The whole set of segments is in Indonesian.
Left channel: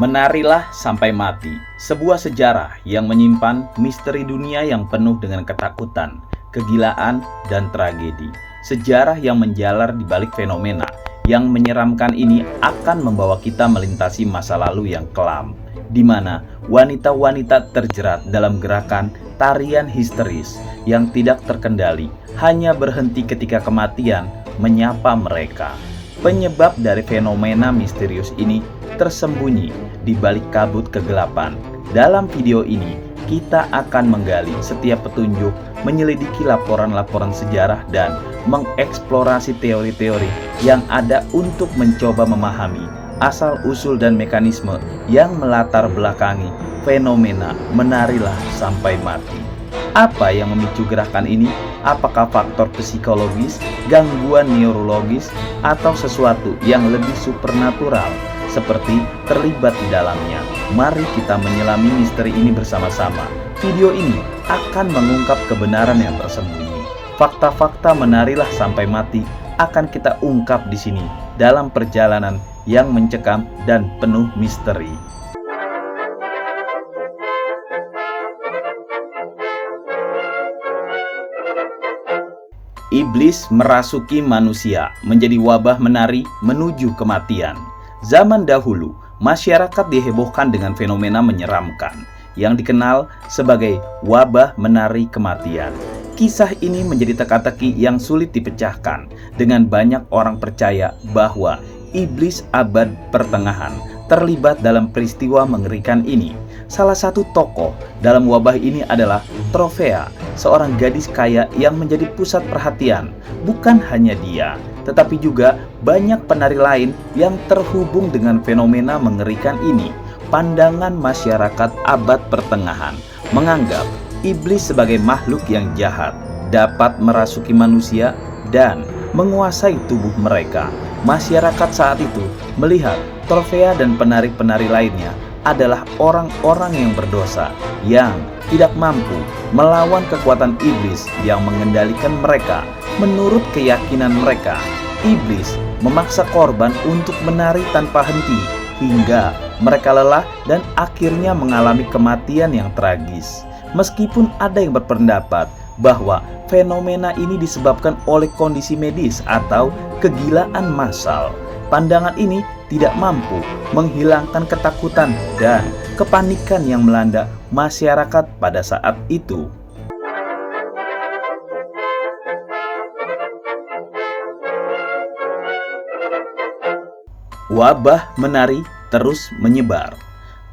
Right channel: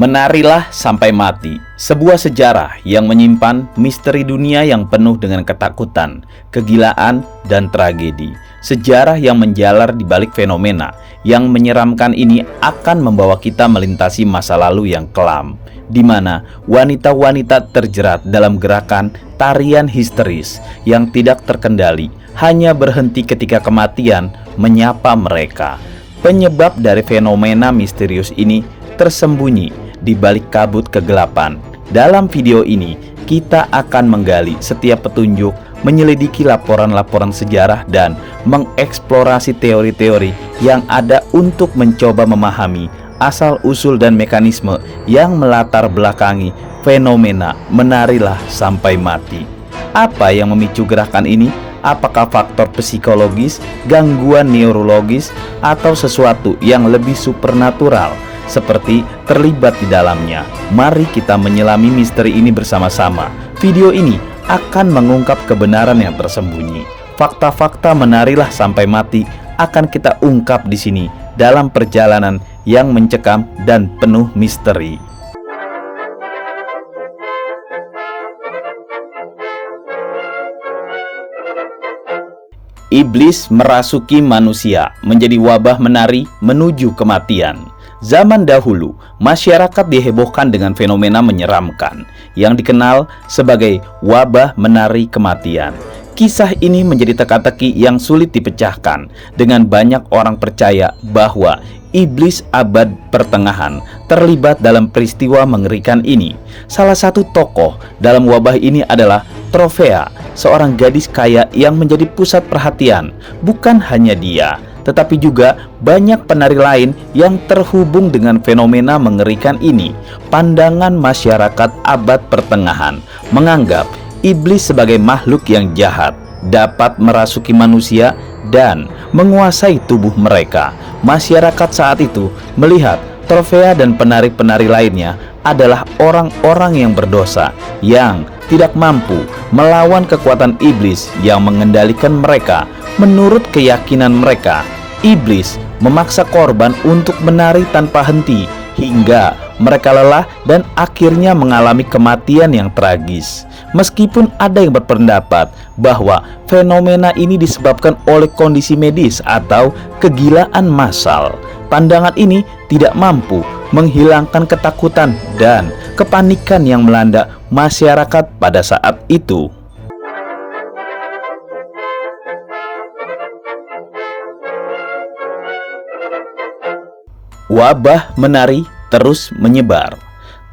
Menarilah sampai mati, sebuah sejarah yang menyimpan misteri dunia yang penuh dengan ketakutan, kegilaan, dan tragedi. Sejarah yang menjalar di balik fenomena yang menyeramkan ini akan membawa kita melintasi masa lalu yang kelam, di mana wanita-wanita terjerat dalam gerakan tarian histeris yang tidak terkendali, hanya berhenti ketika kematian menyapa mereka. Penyebab dari fenomena misterius ini tersembunyi di balik kabut kegelapan. Dalam video ini, kita akan menggali setiap petunjuk, menyelidiki laporan-laporan sejarah, dan mengeksplorasi teori-teori yang ada untuk mencoba memahami asal-usul dan mekanisme yang melatar belakangi fenomena menarilah sampai mati. Apa yang memicu gerakan ini? Apakah faktor psikologis, gangguan neurologis, atau sesuatu yang lebih supernatural seperti terlibat di dalamnya? Mari kita menyelami misteri ini bersama-sama. Video ini akan mengungkap kebenaran yang tersembunyi. Fakta-fakta menarilah sampai mati akan kita ungkap di sini dalam perjalanan yang mencekam dan penuh misteri. Iblis merasuki manusia menjadi wabah menari menuju kematian. Zaman dahulu, masyarakat dihebohkan dengan fenomena menyeramkan yang dikenal sebagai wabah menari kematian. Kisah ini menjadi teka-teki yang sulit dipecahkan dengan banyak orang percaya bahwa iblis abad pertengahan terlibat dalam peristiwa mengerikan ini. Salah satu tokoh dalam wabah ini adalah Tropea, seorang gadis kaya yang menjadi pusat perhatian. Bukan hanya dia, tetapi juga banyak penari lain yang terhubung dengan fenomena mengerikan ini. Pandangan masyarakat abad pertengahan menganggap iblis sebagai makhluk yang jahat, dapat merasuki manusia dan menguasai tubuh mereka. Masyarakat saat itu melihat Tropea dan penari-penari lainnya adalah orang-orang yang berdosa, yang tidak mampu melawan kekuatan iblis yang mengendalikan mereka. Menurut keyakinan mereka, iblis memaksa korban untuk menari tanpa henti hingga mereka lelah dan akhirnya mengalami kematian yang tragis. Meskipun ada yang berpendapat bahwa fenomena ini disebabkan oleh kondisi medis atau kegilaan massal, pandangan ini tidak mampu menghilangkan ketakutan dan kepanikan yang melanda masyarakat pada saat itu. Wabah menari terus menyebar.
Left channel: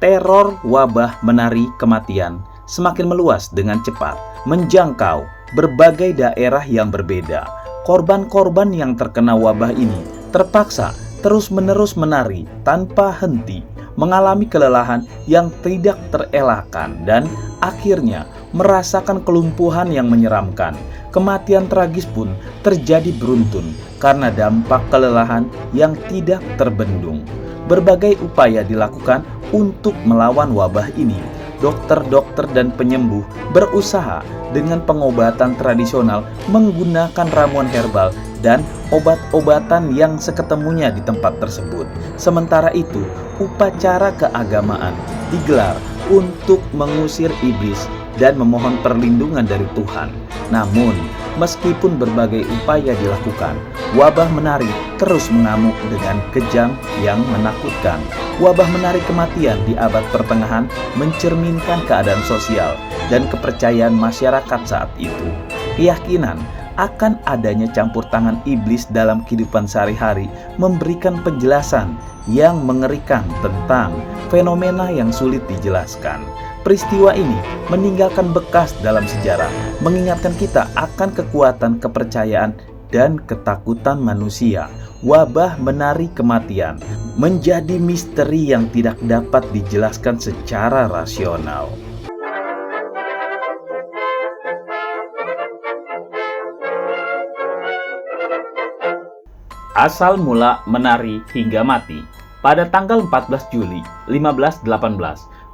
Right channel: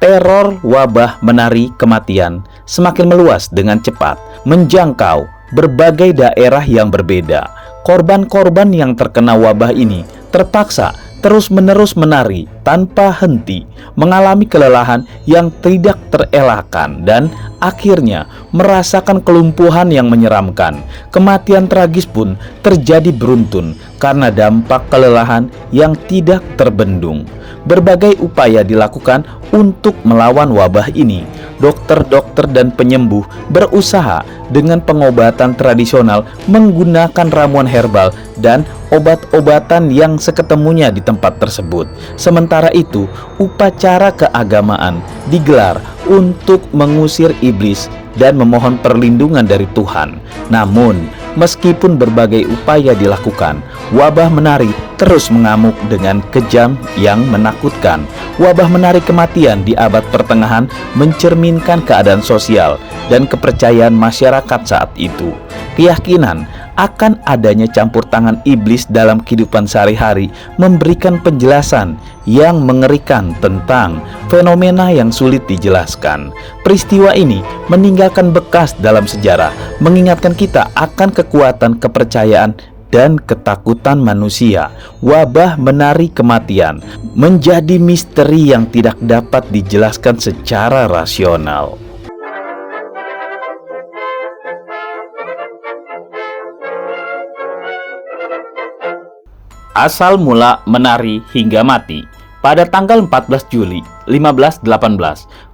Teror wabah menari kematian semakin meluas dengan cepat, menjangkau berbagai daerah yang berbeda. Korban-korban yang terkena wabah ini terpaksa terus-menerus menari tanpa henti, mengalami kelelahan yang tidak terelakkan, dan akhirnya merasakan kelumpuhan yang menyeramkan. Kematian tragis pun terjadi beruntun karena dampak kelelahan yang tidak terbendung. Berbagai upaya dilakukan untuk melawan wabah ini. Dokter-dokter dan penyembuh berusaha dengan pengobatan tradisional menggunakan ramuan herbal dan obat-obatan yang seketemunya di tempat tersebut. Sementara itu, upacara keagamaan digelar untuk mengusir iblis dan memohon perlindungan dari Tuhan. Namun, meskipun berbagai upaya dilakukan, wabah menari terus mengamuk dengan kejam yang menakutkan. Wabah menari kematian di abad pertengahan mencerminkan keadaan sosial dan kepercayaan masyarakat saat itu. Keyakinan akan adanya campur tangan iblis dalam kehidupan sehari-hari memberikan penjelasan yang mengerikan tentang fenomena yang sulit dijelaskan. Peristiwa ini meninggalkan bekas dalam sejarah, mengingatkan kita akan kekuatan kepercayaan dan ketakutan manusia. Wabah menari kematian menjadi misteri yang tidak dapat dijelaskan secara rasional. Asal mula menari hingga mati. Pada tanggal 14 Juli 1518,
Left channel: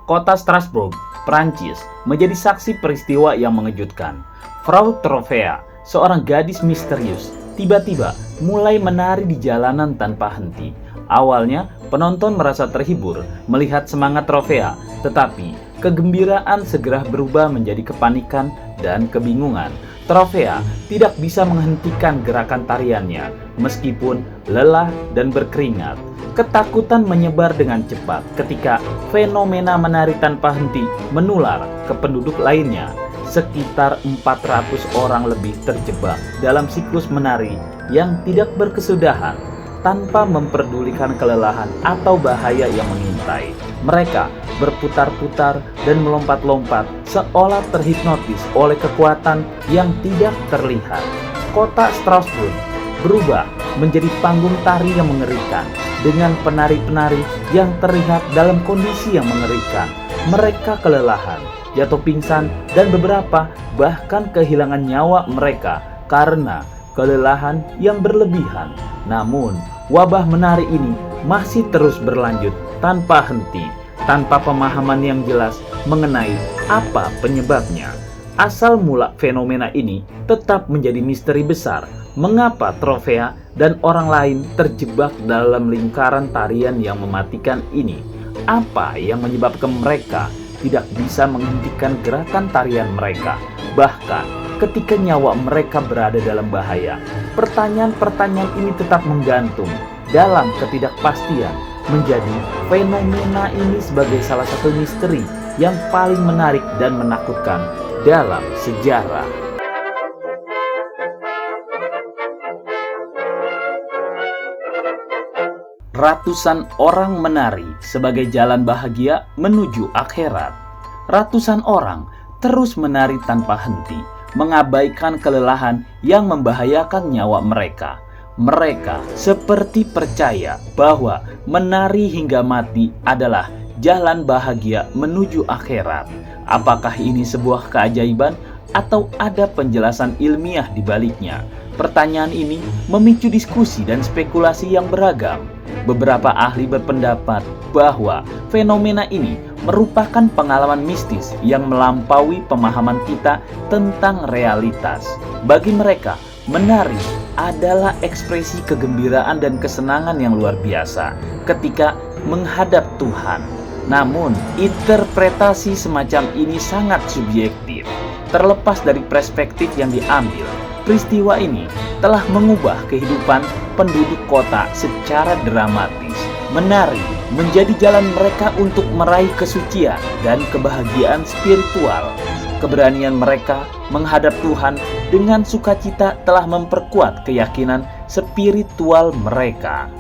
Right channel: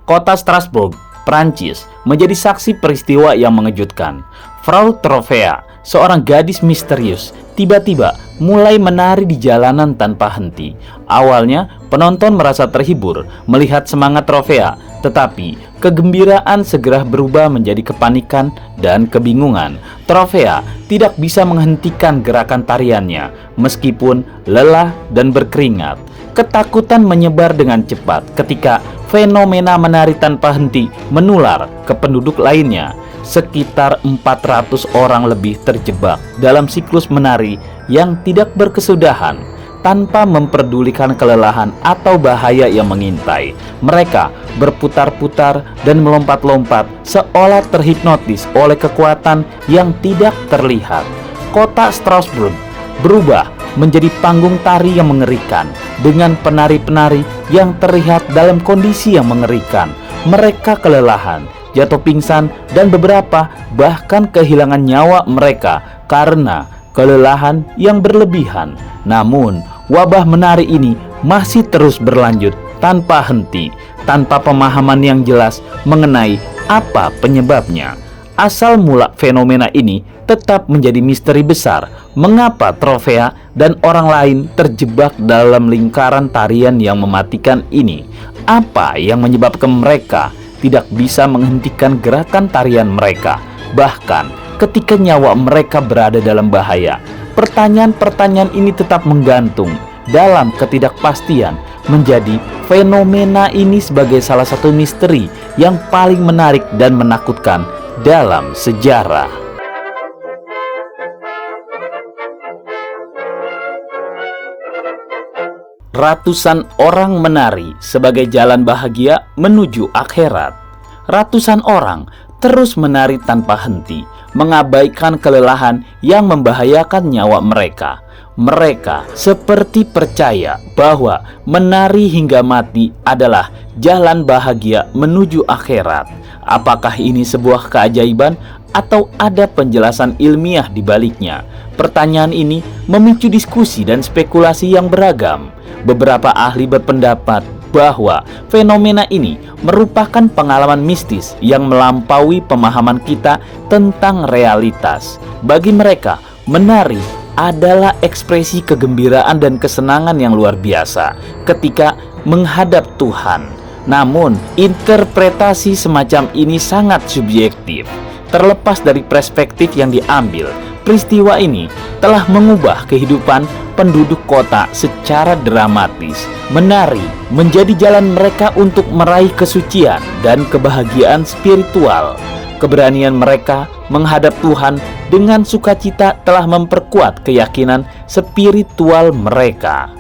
kota Strasbourg, Prancis menjadi saksi peristiwa yang mengejutkan. Frau Tropea, seorang gadis misterius tiba-tiba mulai menari di jalanan tanpa henti. Awalnya penonton merasa terhibur melihat semangat Trovea, tetapi kegembiraan segera berubah menjadi kepanikan dan kebingungan. Trovea tidak bisa menghentikan gerakan tariannya meskipun lelah dan berkeringat. Ketakutan menyebar dengan cepat ketika fenomena menari tanpa henti menular ke penduduk lainnya. Sekitar 400 orang lebih terjebak dalam siklus menari yang tidak berkesudahan. Tanpa memperdulikan kelelahan atau bahaya yang mengintai, mereka berputar-putar dan melompat-lompat seolah terhipnotis oleh kekuatan yang tidak terlihat. Kota Strasbourg berubah menjadi panggung tari yang mengerikan dengan penari-penari yang terlihat dalam kondisi yang mengerikan. Mereka kelelahan, jatuh pingsan, dan beberapa bahkan kehilangan nyawa mereka karena kelelahan yang berlebihan. Namun, wabah menari ini masih terus berlanjut tanpa henti, tanpa pemahaman yang jelas mengenai apa penyebabnya. Asal mula fenomena ini tetap menjadi misteri besar. Mengapa Trovea dan orang lain terjebak dalam lingkaran tarian yang mematikan ini? Apa yang menyebabkan mereka tidak bisa menghentikan gerakan tarian mereka, bahkan ketika nyawa mereka berada dalam bahaya? Pertanyaan-pertanyaan ini tetap menggantung dalam ketidakpastian, menjadi fenomena ini sebagai salah satu misteri yang paling menarik dan menakutkan dalam sejarah. Ratusan orang menari sebagai jalan bahagia menuju akhirat. Ratusan orang terus menari tanpa henti, mengabaikan kelelahan yang membahayakan nyawa mereka. Mereka seperti percaya bahwa menari hingga mati adalah jalan bahagia menuju akhirat. Apakah ini sebuah keajaiban atau ada penjelasan ilmiah di baliknya? Pertanyaan ini memicu diskusi dan spekulasi yang beragam. Beberapa ahli berpendapat bahwa fenomena ini merupakan pengalaman mistis yang melampaui pemahaman kita tentang realitas. Bagi mereka, menari adalah ekspresi kegembiraan dan kesenangan yang luar biasa ketika menghadap Tuhan. Namun, interpretasi semacam ini sangat subjektif. Terlepas dari perspektif yang diambil, peristiwa ini telah mengubah kehidupan penduduk kota secara dramatis. Menari menjadi jalan mereka untuk meraih kesucian dan kebahagiaan spiritual. Keberanian mereka menghadap Tuhan dengan sukacita telah memperkuat keyakinan spiritual mereka.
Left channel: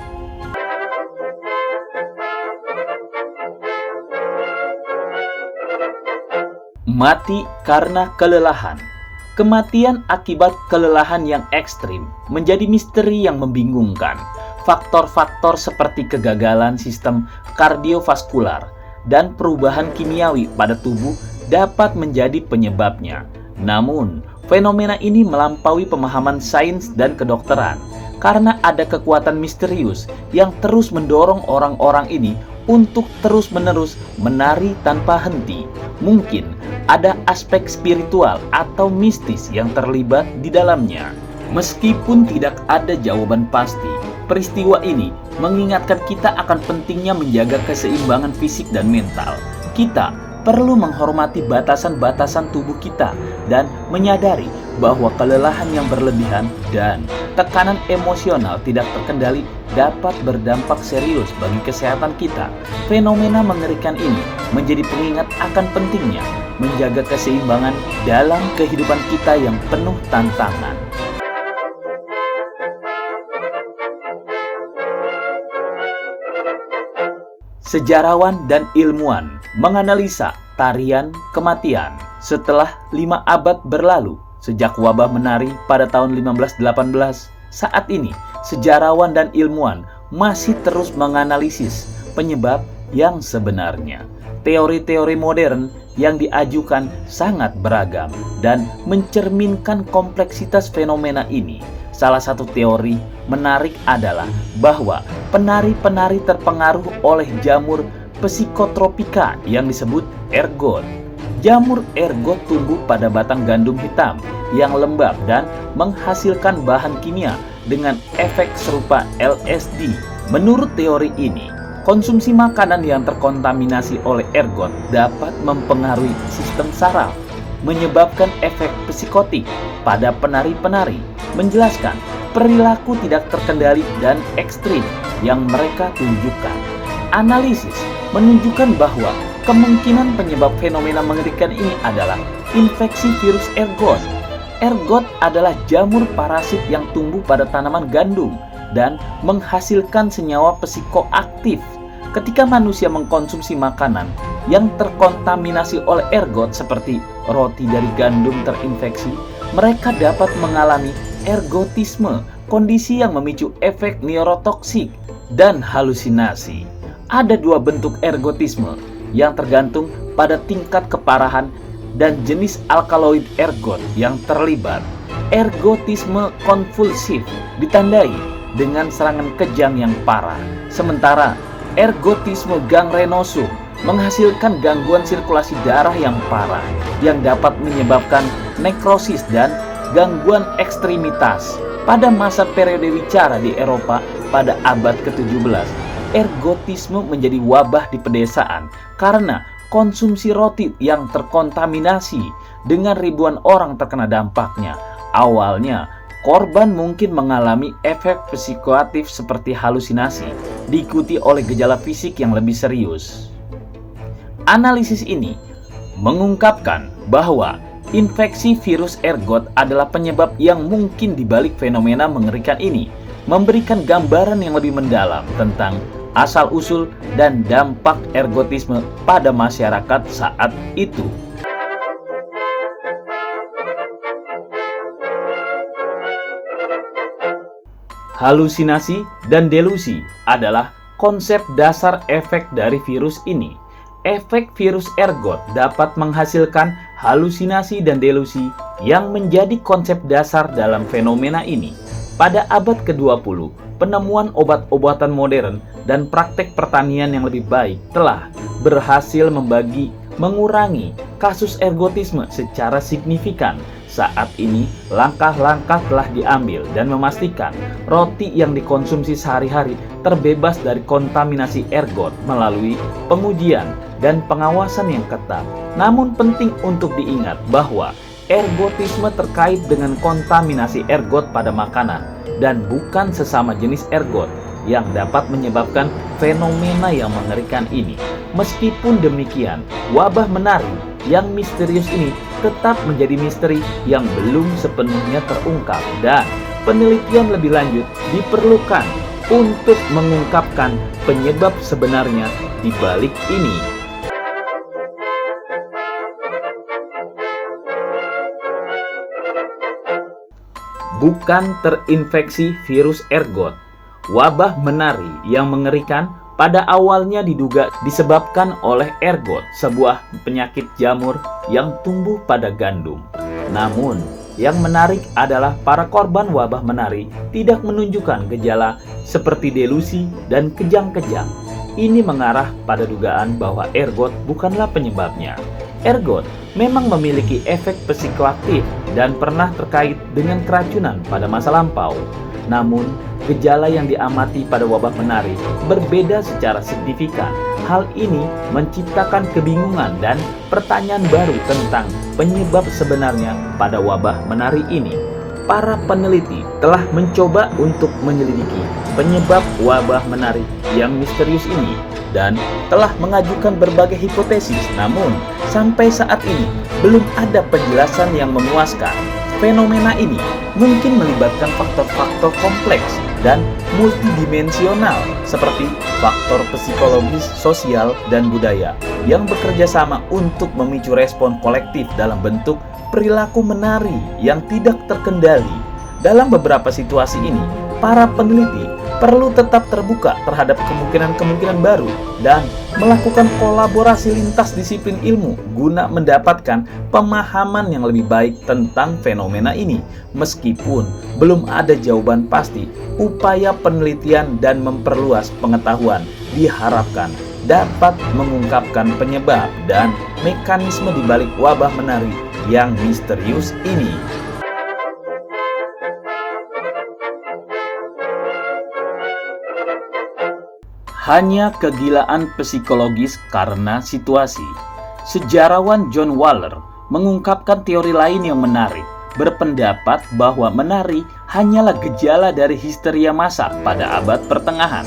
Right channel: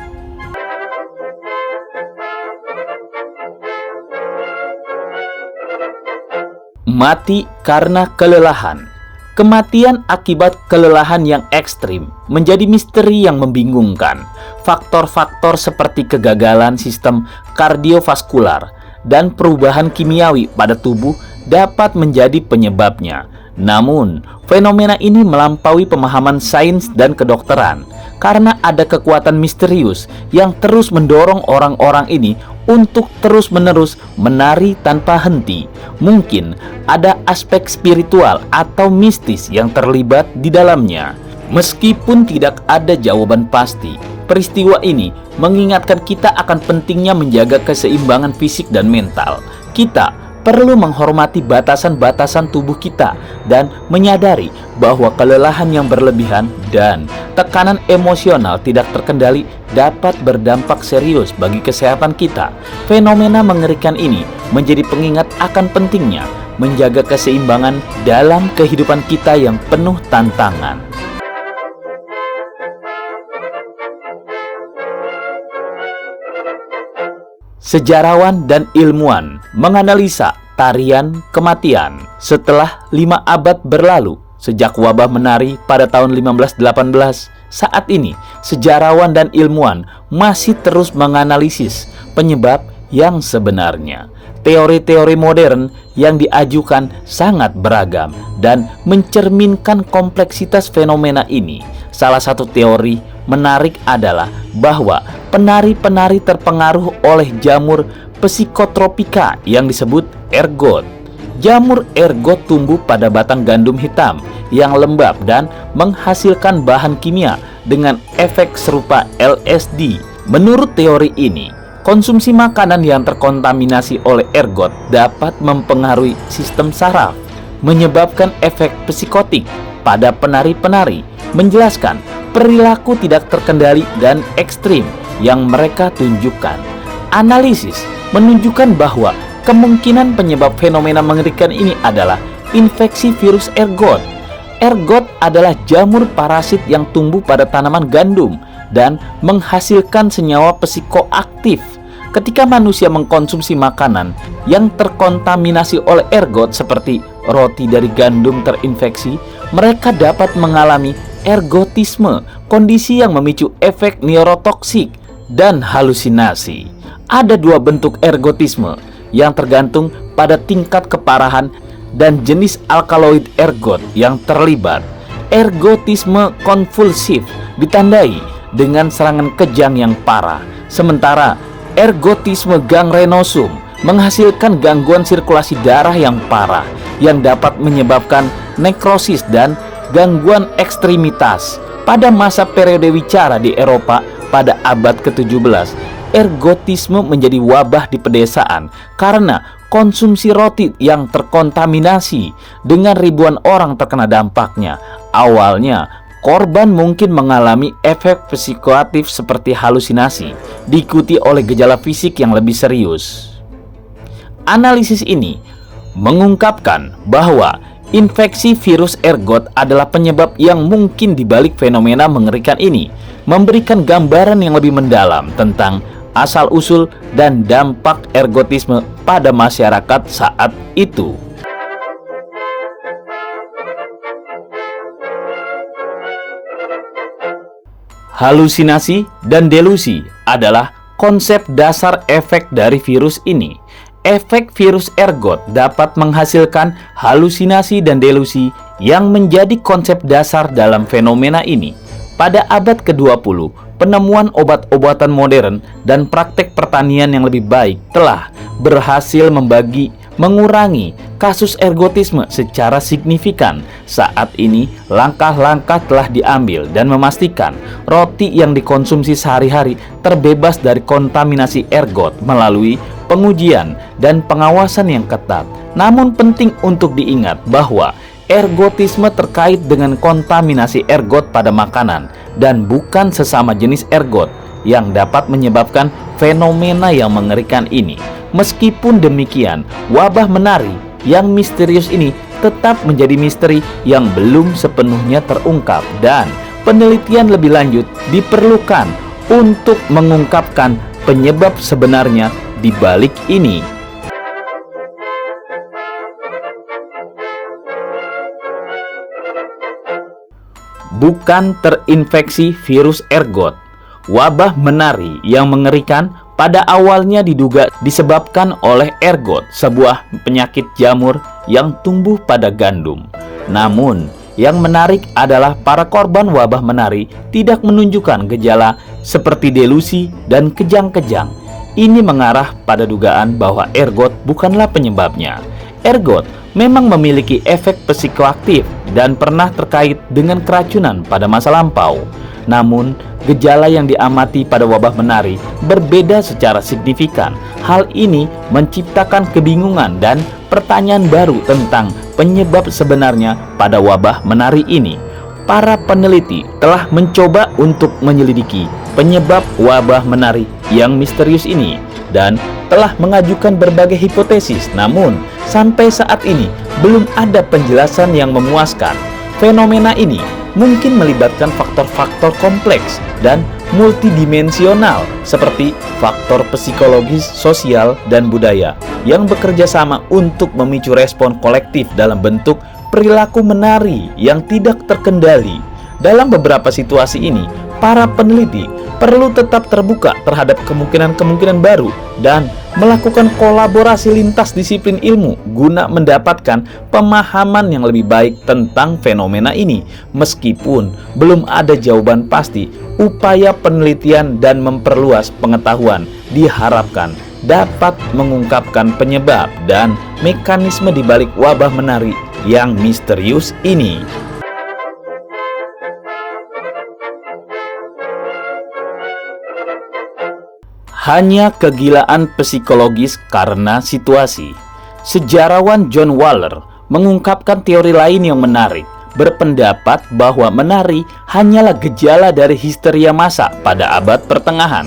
Mati karena kelelahan. Kematian akibat kelelahan yang ekstrim menjadi misteri yang membingungkan. Faktor-faktor seperti kegagalan sistem kardiovaskular dan perubahan kimiawi pada tubuh dapat menjadi penyebabnya. Namun, fenomena ini melampaui pemahaman sains dan kedokteran karena ada kekuatan misterius yang terus mendorong orang-orang ini untuk terus-menerus menari tanpa henti. Mungkin ada aspek spiritual atau mistis yang terlibat di dalamnya. Meskipun tidak ada jawaban pasti, peristiwa ini mengingatkan kita akan pentingnya menjaga keseimbangan fisik dan mental. Kita perlu menghormati batasan-batasan tubuh kita dan menyadari bahwa kelelahan yang berlebihan dan tekanan emosional tidak terkendali dapat berdampak serius bagi kesehatan kita. Fenomena mengerikan ini menjadi pengingat akan pentingnya menjaga keseimbangan dalam kehidupan kita yang penuh tantangan. Sejarawan dan ilmuwan menganalisa tarian kematian. Setelah 5 abad berlalu sejak wabah menari pada tahun 1518, saat ini sejarawan dan ilmuwan masih terus menganalisis penyebab yang sebenarnya. Teori-teori modern yang diajukan sangat beragam dan mencerminkan kompleksitas fenomena ini. Salah satu teori menarik adalah bahwa penari-penari terpengaruh oleh jamur psikotropika yang disebut ergot. Jamur ergot tumbuh pada batang gandum hitam yang lembab dan menghasilkan bahan kimia dengan efek serupa LSD. Menurut teori ini, konsumsi makanan yang terkontaminasi oleh ergot dapat mempengaruhi sistem saraf, menyebabkan efek psikotik pada penari-penari, menjelaskan perilaku tidak terkendali dan ekstrim yang mereka tunjukkan. Analisis menunjukkan bahwa kemungkinan penyebab fenomena mengerikan ini adalah infeksi virus ergot. Ergot adalah jamur parasit yang tumbuh pada tanaman gandum dan menghasilkan senyawa psikoaktif. Ketika manusia mengkonsumsi makanan yang terkontaminasi oleh ergot seperti roti dari gandum terinfeksi, mereka dapat mengalami ergotisme, kondisi yang memicu efek neurotoksik dan halusinasi. Ada dua bentuk ergotisme yang tergantung pada tingkat keparahan dan jenis alkaloid ergot yang terlibat. Ergotisme konvulsif ditandai dengan serangan kejang yang parah, sementara ergotisme gangrenosum menghasilkan gangguan sirkulasi darah yang parah yang dapat menyebabkan nekrosis dan gangguan ekstremitas. Pada masa periode wicara di Eropa pada abad ke-17, ergotisme menjadi wabah di pedesaan karena konsumsi roti yang terkontaminasi dengan ribuan orang terkena dampaknya. Awalnya, korban mungkin mengalami efek psikoaktif seperti halusinasi, diikuti oleh gejala fisik yang lebih serius. Analisis ini mengungkapkan bahwa infeksi virus ergot adalah penyebab yang mungkin dibalik fenomena mengerikan ini, memberikan gambaran yang lebih mendalam tentang asal-usul dan dampak ergotisme pada masyarakat saat itu. Halusinasi dan delusi adalah konsep dasar efek dari virus ini. Efek virus ergot dapat menghasilkan halusinasi dan delusi yang menjadi konsep dasar dalam fenomena ini. Pada abad ke-20, penemuan obat-obatan modern dan praktek pertanian yang lebih baik telah berhasil mengurangi kasus ergotisme secara signifikan. Saat ini, langkah-langkah telah diambil dan memastikan roti yang dikonsumsi sehari-hari terbebas dari kontaminasi ergot melalui pengujian dan pengawasan yang ketat. Namun penting untuk diingat bahwa ergotisme terkait dengan kontaminasi ergot pada makanan dan bukan sesama jenis ergot yang dapat menyebabkan fenomena yang mengerikan ini. Meskipun demikian, wabah menari yang misterius ini tetap menjadi misteri yang belum sepenuhnya terungkap dan penelitian lebih lanjut diperlukan untuk mengungkapkan penyebab sebenarnya di balik ini. Bukan terinfeksi virus ergot. Wabah menari yang mengerikan pada awalnya diduga disebabkan oleh ergot, sebuah penyakit jamur yang tumbuh pada gandum. Namun, yang menarik adalah para korban wabah menari tidak menunjukkan gejala seperti delusi dan kejang-kejang. Ini mengarah pada dugaan bahwa ergot bukanlah penyebabnya. Ergot memang memiliki efek psikoaktif dan pernah terkait dengan keracunan pada masa lampau. Namun, gejala yang diamati pada wabah menari berbeda secara signifikan. Hal ini menciptakan kebingungan dan pertanyaan baru tentang penyebab sebenarnya pada wabah menari ini. Para peneliti telah mencoba untuk menyelidiki penyebab wabah menari yang misterius ini dan telah mengajukan berbagai hipotesis. Namun, sampai saat ini belum ada penjelasan yang memuaskan. Fenomena ini mungkin melibatkan faktor-faktor kompleks dan multidimensional seperti faktor psikologis, sosial, dan budaya yang bekerja sama untuk memicu respon kolektif dalam bentuk perilaku menari yang tidak terkendali. Dalam beberapa situasi ini, para peneliti perlu tetap terbuka terhadap kemungkinan-kemungkinan baru dan melakukan kolaborasi lintas disiplin ilmu guna mendapatkan pemahaman yang lebih baik tentang fenomena ini. Meskipun belum ada jawaban pasti, upaya penelitian dan memperluas pengetahuan diharapkan dapat mengungkapkan penyebab dan mekanisme di balik wabah menari yang misterius ini. Hanya kegilaan psikologis karena situasi. Sejarawan John Waller mengungkapkan teori lain yang menarik, berpendapat bahwa menari hanyalah gejala dari histeria massa pada abad pertengahan.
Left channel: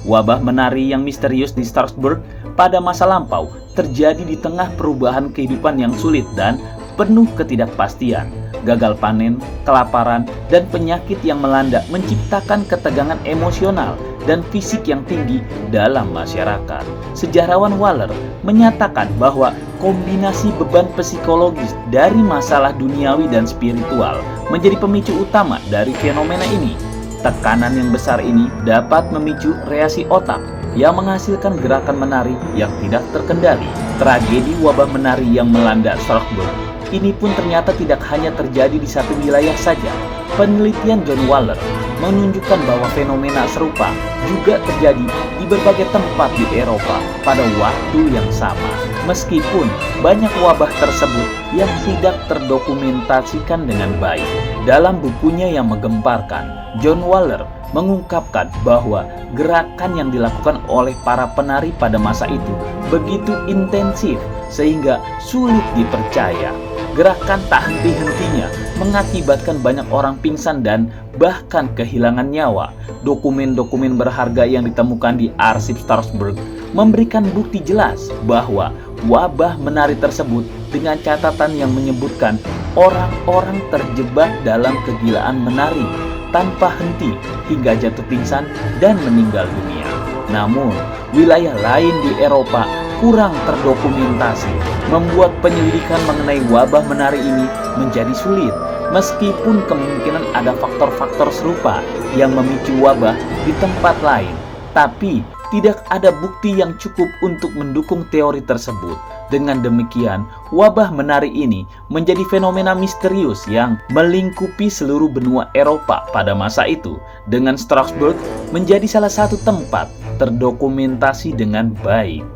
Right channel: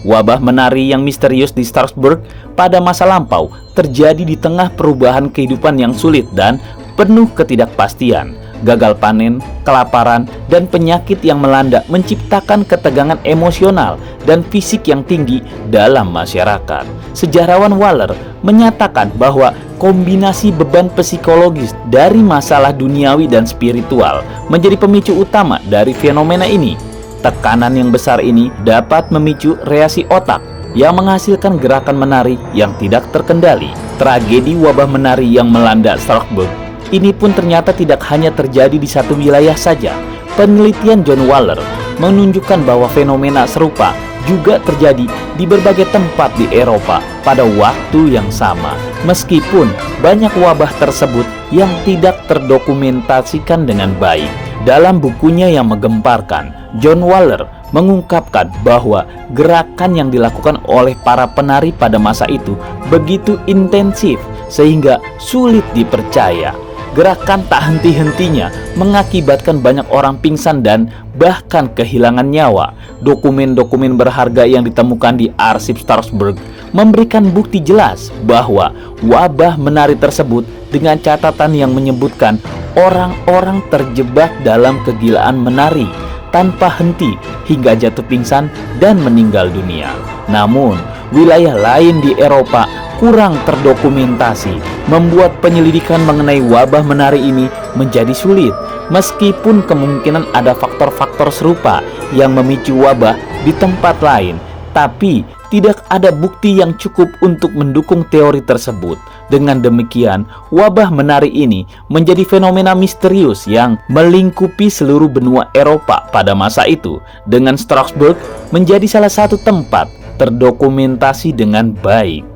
Wabah menari yang misterius di Strasbourg pada masa lampau terjadi di tengah perubahan kehidupan yang sulit dan penuh ketidakpastian. Gagal panen, kelaparan, dan penyakit yang melanda menciptakan ketegangan emosional dan fisik yang tinggi dalam masyarakat. Sejarawan Waller menyatakan bahwa kombinasi beban psikologis dari masalah duniawi dan spiritual menjadi pemicu utama dari fenomena ini. Tekanan yang besar ini dapat memicu reaksi otak yang menghasilkan gerakan menari yang tidak terkendali. Tragedi wabah menari yang melanda Strasbourg ini pun ternyata tidak hanya terjadi di satu wilayah saja. Penelitian John Waller menunjukkan bahwa fenomena serupa juga terjadi di berbagai tempat di Eropa pada waktu yang sama. Meskipun banyak wabah tersebut yang tidak terdokumentasikan dengan baik. Dalam bukunya yang menggemparkan, John Waller mengungkapkan bahwa gerakan yang dilakukan oleh para penari pada masa itu begitu intensif sehingga sulit dipercaya. Gerakan tak henti-hentinya mengakibatkan banyak orang pingsan dan bahkan kehilangan nyawa. Dokumen-dokumen berharga yang ditemukan di arsip Strasbourg memberikan bukti jelas bahwa wabah menari tersebut dengan catatan yang menyebutkan orang-orang terjebak dalam kegilaan menari tanpa henti hingga jatuh pingsan dan meninggal dunia. Namun, wilayah lain di Eropa kurang terdokumentasi, membuat penyelidikan mengenai wabah menari ini menjadi sulit. Meskipun kemungkinan ada faktor-faktor serupa yang memicu wabah di tempat lain, tapi tidak ada bukti yang cukup untuk mendukung teori tersebut. Dengan demikian, wabah menari ini menjadi fenomena misterius yang melingkupi seluruh benua Eropa pada masa itu, dengan Strasbourg menjadi salah satu tempat terdokumentasi dengan baik.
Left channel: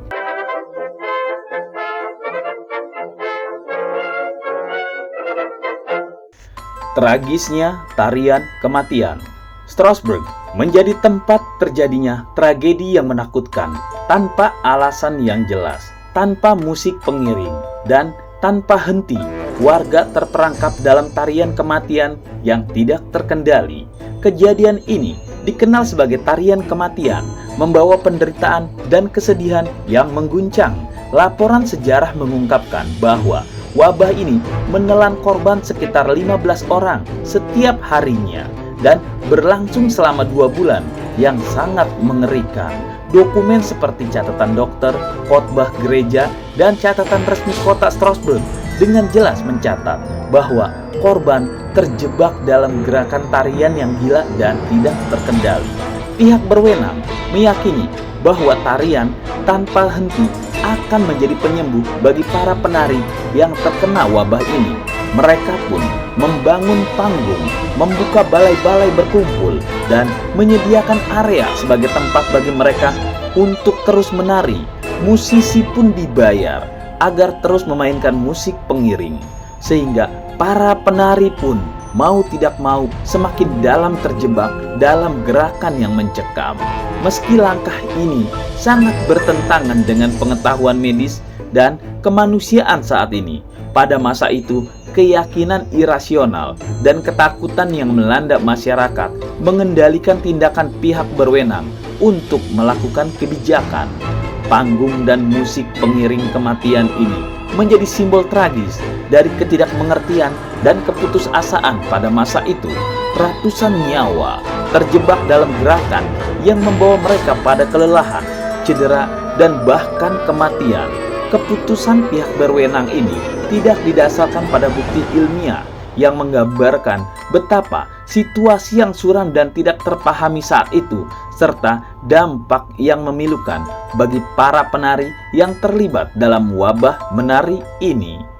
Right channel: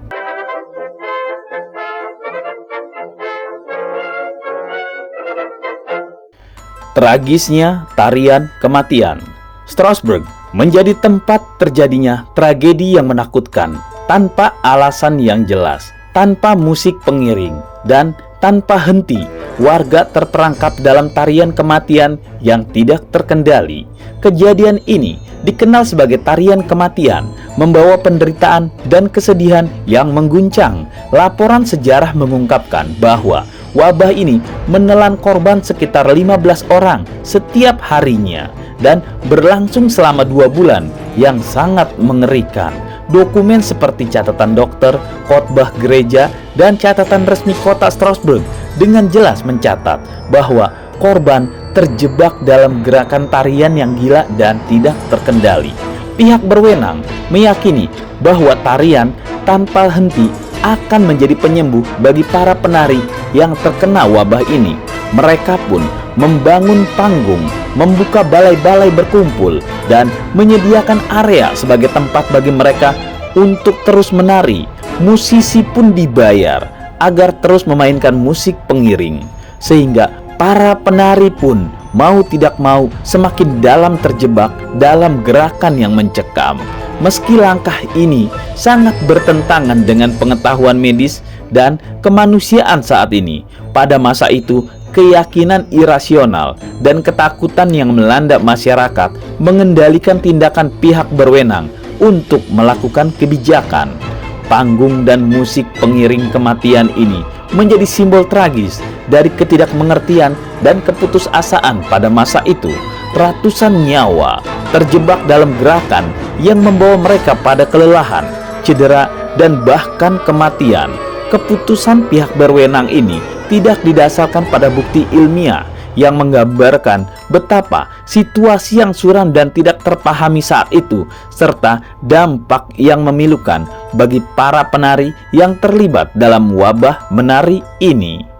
Tragisnya tarian kematian. Strasbourg menjadi tempat terjadinya tragedi yang menakutkan tanpa alasan yang jelas, tanpa musik pengiring, dan tanpa henti. Warga terperangkap dalam tarian kematian yang tidak terkendali. Kejadian ini dikenal sebagai tarian kematian, membawa penderitaan dan kesedihan yang mengguncang. Laporan sejarah mengungkapkan bahwa wabah ini menelan korban sekitar 15 orang setiap harinya dan berlangsung selama 2 bulan yang sangat mengerikan. Dokumen seperti catatan dokter, khotbah gereja, dan catatan resmi kota Strasbourg dengan jelas mencatat bahwa korban terjebak dalam gerakan tarian yang gila dan tidak terkendali. Pihak berwenang meyakini bahwa tarian tanpa henti akan menjadi penyembuh bagi para penari yang terkena wabah ini. Mereka pun membangun panggung, membuka balai-balai berkumpul, dan menyediakan area sebagai tempat bagi mereka untuk terus menari. Musisi pun dibayar agar terus memainkan musik pengiring, sehingga para penari pun mau tidak mau semakin dalam terjebak dalam gerakan yang mencekam. Meski langkah ini sangat bertentangan dengan pengetahuan medis dan kemanusiaan saat ini, pada masa itu keyakinan irasional dan ketakutan yang melanda masyarakat mengendalikan tindakan pihak berwenang untuk melakukan kebijakan. Panggung dan musik pengiring kematian ini menjadi simbol tragis dari ketidakmengertian dan keputusasaan pada masa itu. Ratusan nyawa terjebak dalam gerakan yang membawa mereka pada kelelahan, cedera, dan bahkan kematian. Keputusan pihak berwenang ini tidak didasarkan pada bukti ilmiah yang menggambarkan betapa situasi yang suram dan tidak terpahami saat itu, serta dampak yang memilukan bagi para penari yang terlibat dalam wabah menari ini.